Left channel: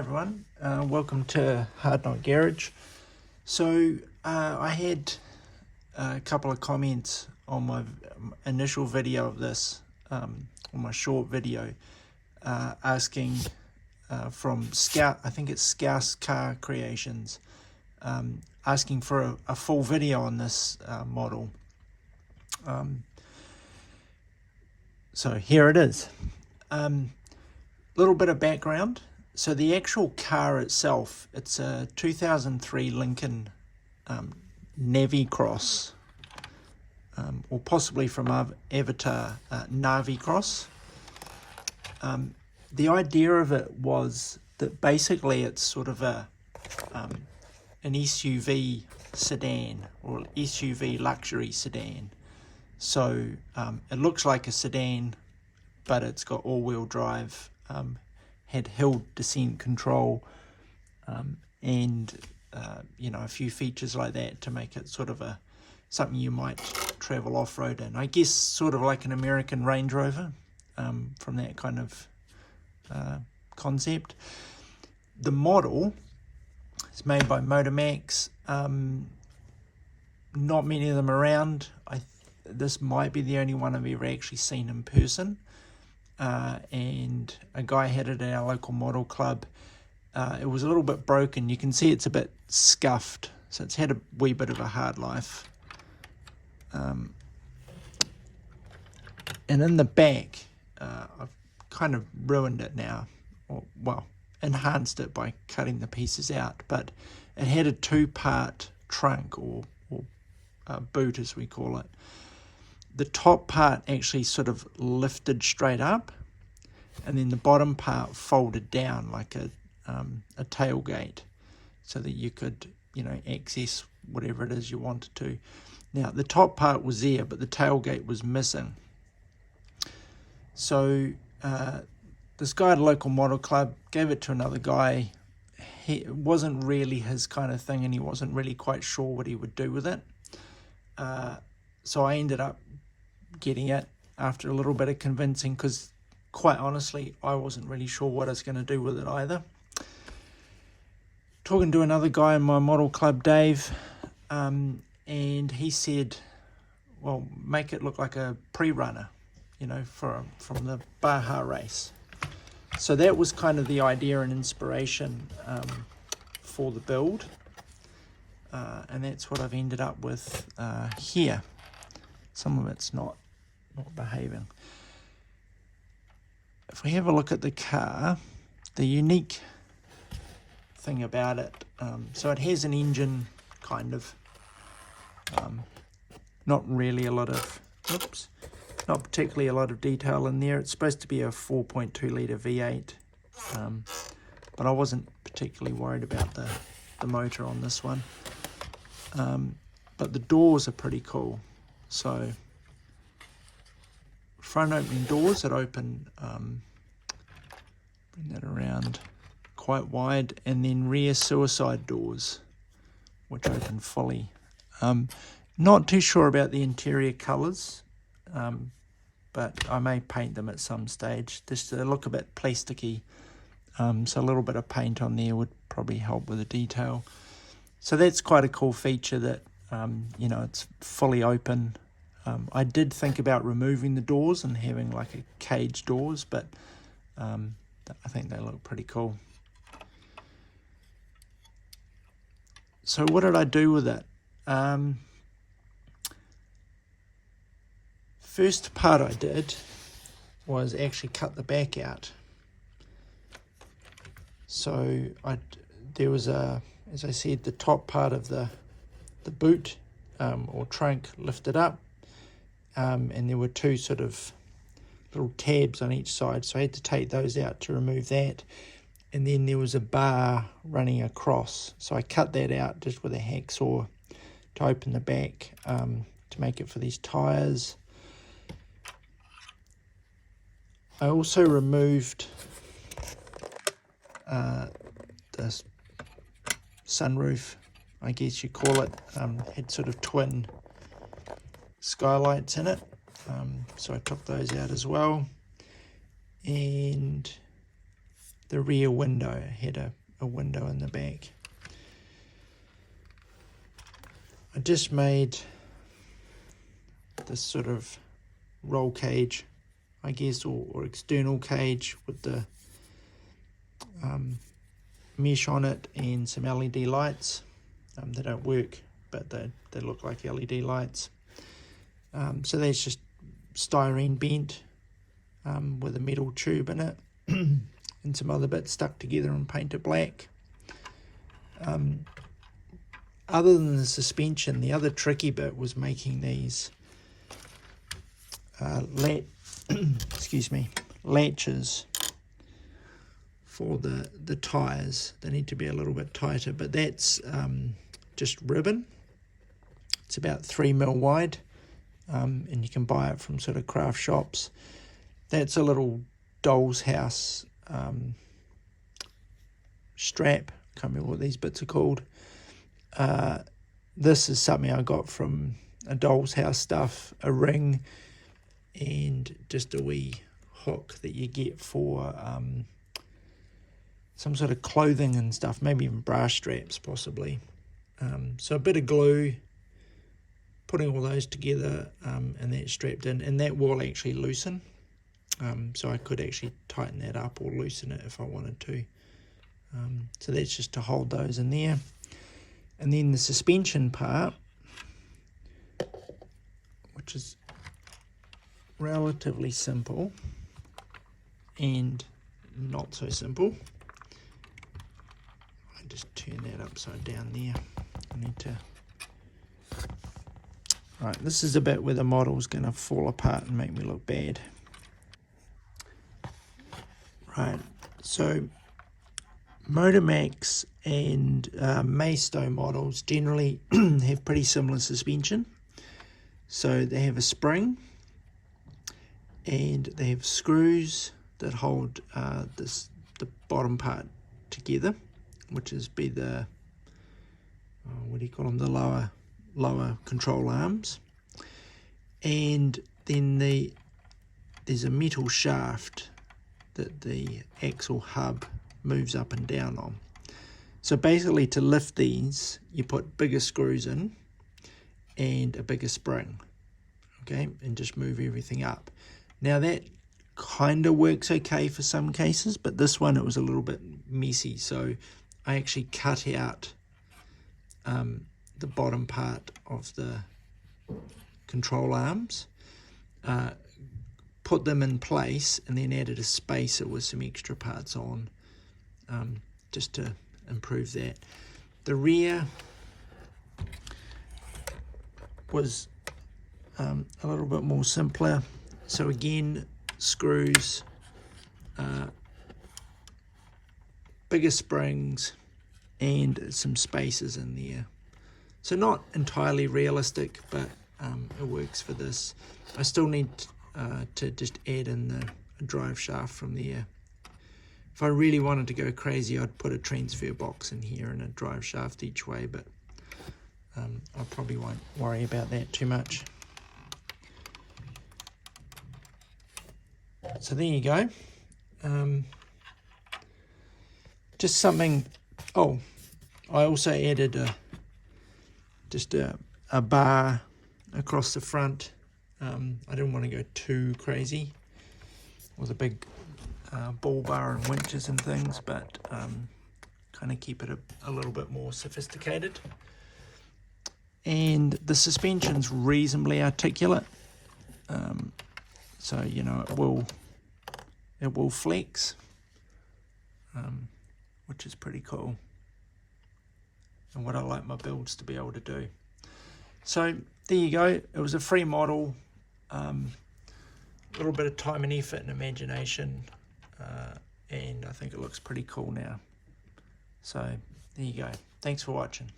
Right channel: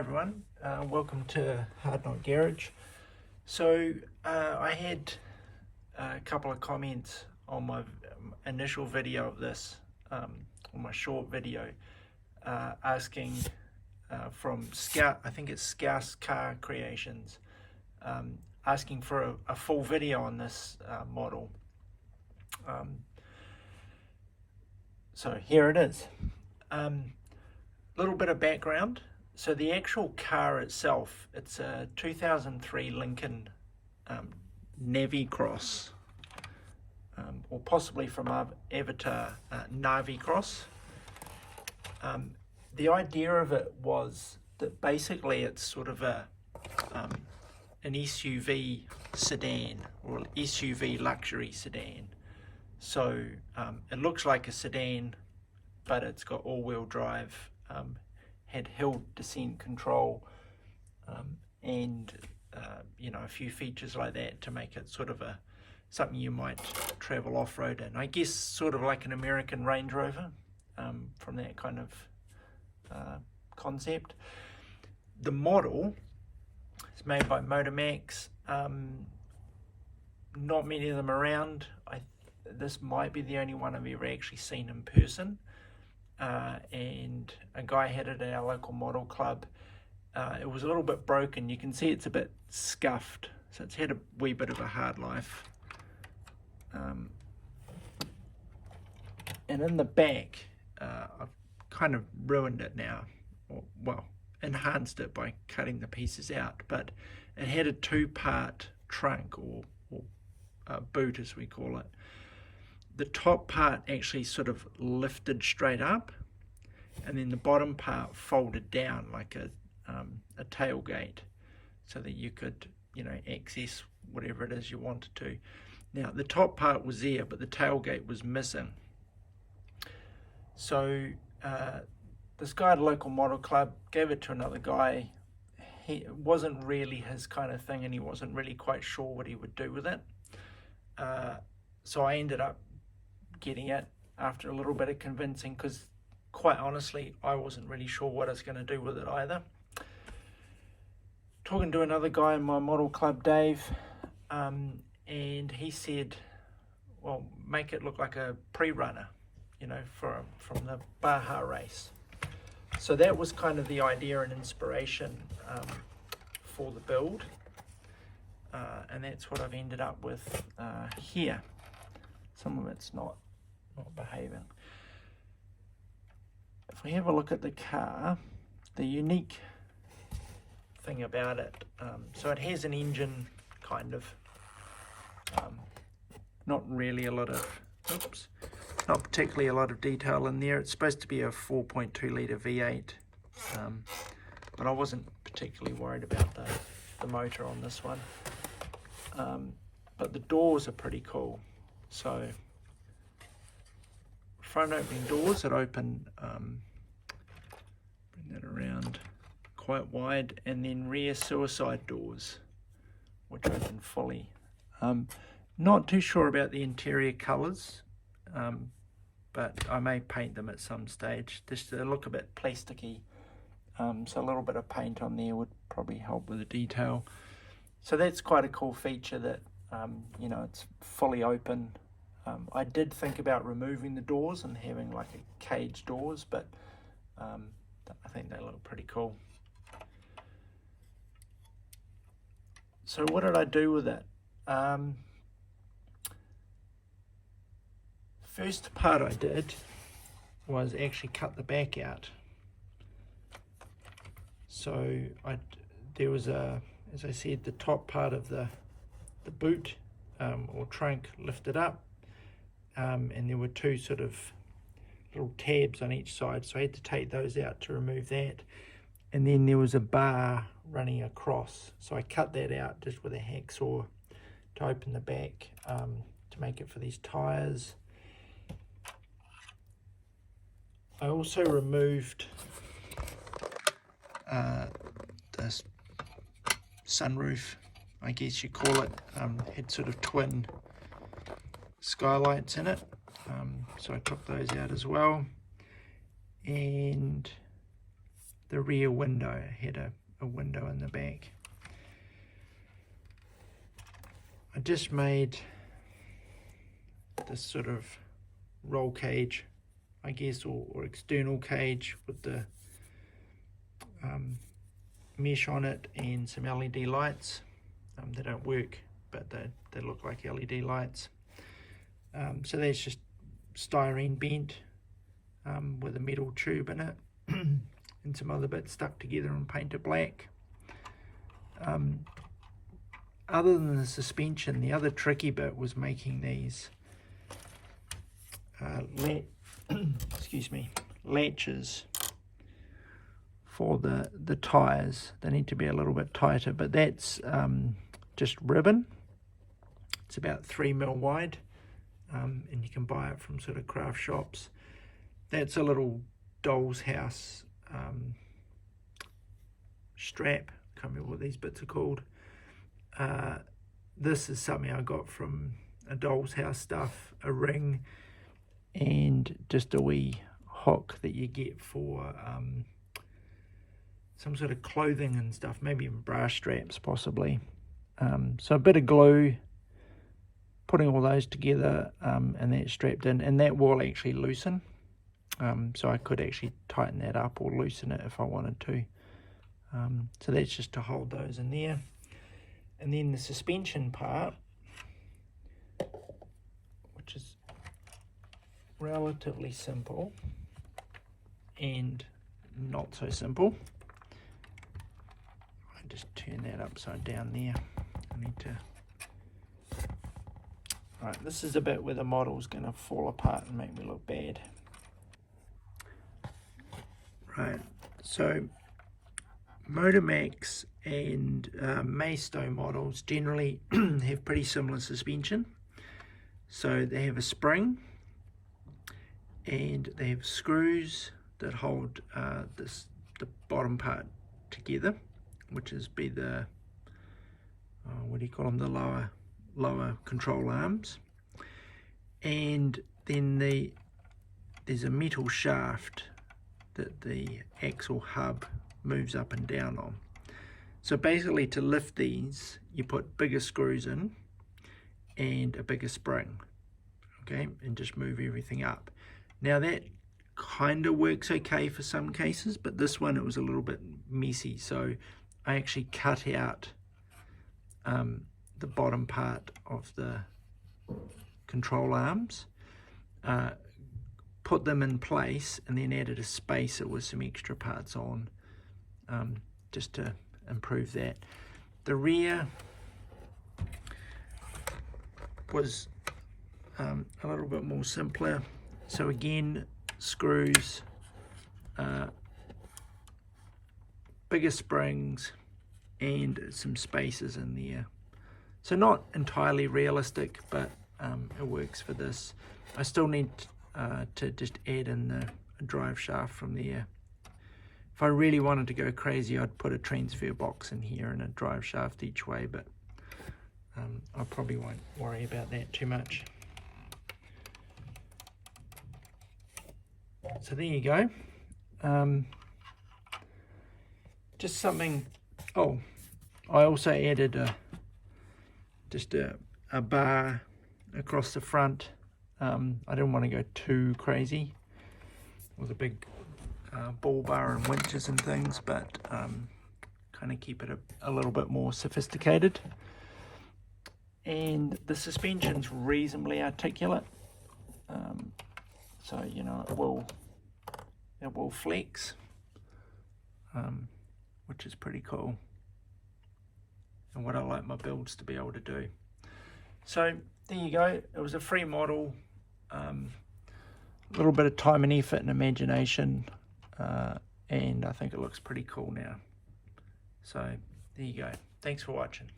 everyone, welcome to Hard Knock Garage. So I had a couple of comments on my initial video of this, on my short video, asking from Scout, I think it's Scout's Car Creations, asking for a full video on this model. So here it is. Little bit of background. So the actual car itself, it's a 2003 Lincoln Navicross, or possibly from Avatar, Navicross. The idea of it was that basically it's sort of an SUV sedan, or SUV luxury sedan. So it looks like a sedan, but it's got all-wheel drive, had hill descent control, and you know, a few features like that to make it sort of something you might travel off-road in. I guess sort of like an American Range Rover, from that kind of concept. The model is made by MotorMax. Not many of them around. This might be the only one I've ever actually seen in person. And a guy had it at our local model club. It was a little bit broken. You can see it's a bit scuffed, so it's had a wee bit of a hard life. And in the back, I've kind of ruined it now, or well, enhanced it by cutting the pieces out, but it had a two-part trunk, or boot as we call it. The top part actually sort of lifted straight up, and then the bottom part folded down like a tailgate, so that you could, you know, access whatever it is you wanted to. Now the top part was there, but the tailgate was missing. So this guy at a local model club gave it to another guy. It wasn't really his kind of thing, and he wasn't really quite sure what he would do with it. So I ended up getting it after a little bit of convincing, because quite honestly I wasn't really sure what I was going to do with it either. Talking to another guy in my model club, Dave, and he said, well, make it look like a pre-runner, you know, from the Baja race. So that was kind of the idea and inspiration for the build, and that's what I've ended up with here. Some of it's not behaving. If we have a look at the car, the unique thing about it, so it has an engine, kind of, not really a lot of, not particularly a lot of detail in there. It's supposed to be a 4.2 litre V8, but I wasn't particularly worried about the motor on this one. But the doors are pretty cool. So front opening doors that open, bring that around quite wide, and then rear suicide doors which open fully. Not too sure about the interior colours, but I may paint them at some stage, just to look a bit plasticky, so a little bit of paint on there would probably help with the detail. So that's quite a cool feature, that you know, it's fully open. I did think about removing the doors and having like a cage doors, but I think they look pretty cool. So what did I do with it? First part I did was actually cut the back out. So there was as I said, the top part of the boot or trunk lifted up, and there were two sort of little tabs on each side, so I had to take those out to remove that. And then there was a bar running across, so I cut that out just with a hacksaw to open the back, to make it for these tires. I also removed this sunroof, I guess you call it. Had sort of twin skylights in it, so I took those out as well. And the rear window had a window in the back. I just made this sort of roll cage, I guess, or external cage with the mesh on it and some LED lights. They don't work, but they look like LED lights. So that's just styrene bent with a metal tube in it and some other bits stuck together and painted black. Other than the suspension, the other tricky bit was making these latches for the tires. They need to be a little bit tighter, but that's just ribbon. It's about 3mm wide, and you can buy it from sort of craft shops. That's a little doll's house strap. Can't remember what these bits are called. This is something I got from a doll's house stuff, a ring, and just a wee hook that you get for some sort of clothing and stuff, maybe even bra straps possibly. So a bit of glue, putting all those together, and that's strapped in, and that will actually loosen. So I could actually tighten that up or loosen it if I wanted to. So that's just to hold those in there. And then the suspension part, which is relatively simple and not so simple. I just turn that upside down there. I need to... Right, this is a bit where the model's going to fall apart and make me look bad. Right, so MotorMax and Maisto models generally have pretty similar suspension. So they have a spring and they have screws that hold the bottom part together, which is the what do you call them, the lower control arms, and then there's a metal shaft that the axle hub moves up and down on. So basically, to lift these, you put bigger screws in and a bigger spring, okay, and just move everything up. Now that kind of works okay for some cases, but this one, it was a little bit messy, so I actually cut out the bottom part of the control arms, put them in place, and then added a spacer with some extra parts on, just to improve that. The rear was a little bit more simpler. So again, screws, bigger springs, and some spacers in there. So not entirely realistic, but it works for this. I still need to just add in the drive shaft from there. If I really wanted to go crazy, I'd put a transfer box in here and a drive shaft each way, but I probably won't worry about that too much. So there you go. Just something. Oh, I also added just a bar across the front. I didn't want to go too crazy with a big ball bar and winches and things, but kind of keep it a little bit more sophisticated. And the suspension's reasonably articulate, so you know it will flex, which is pretty cool, and what I like my builds to be able to do. So there you go. It was a free model, a little bit of time and effort and imagination, and I think it looks pretty cool now. So there you go. Thanks for watching.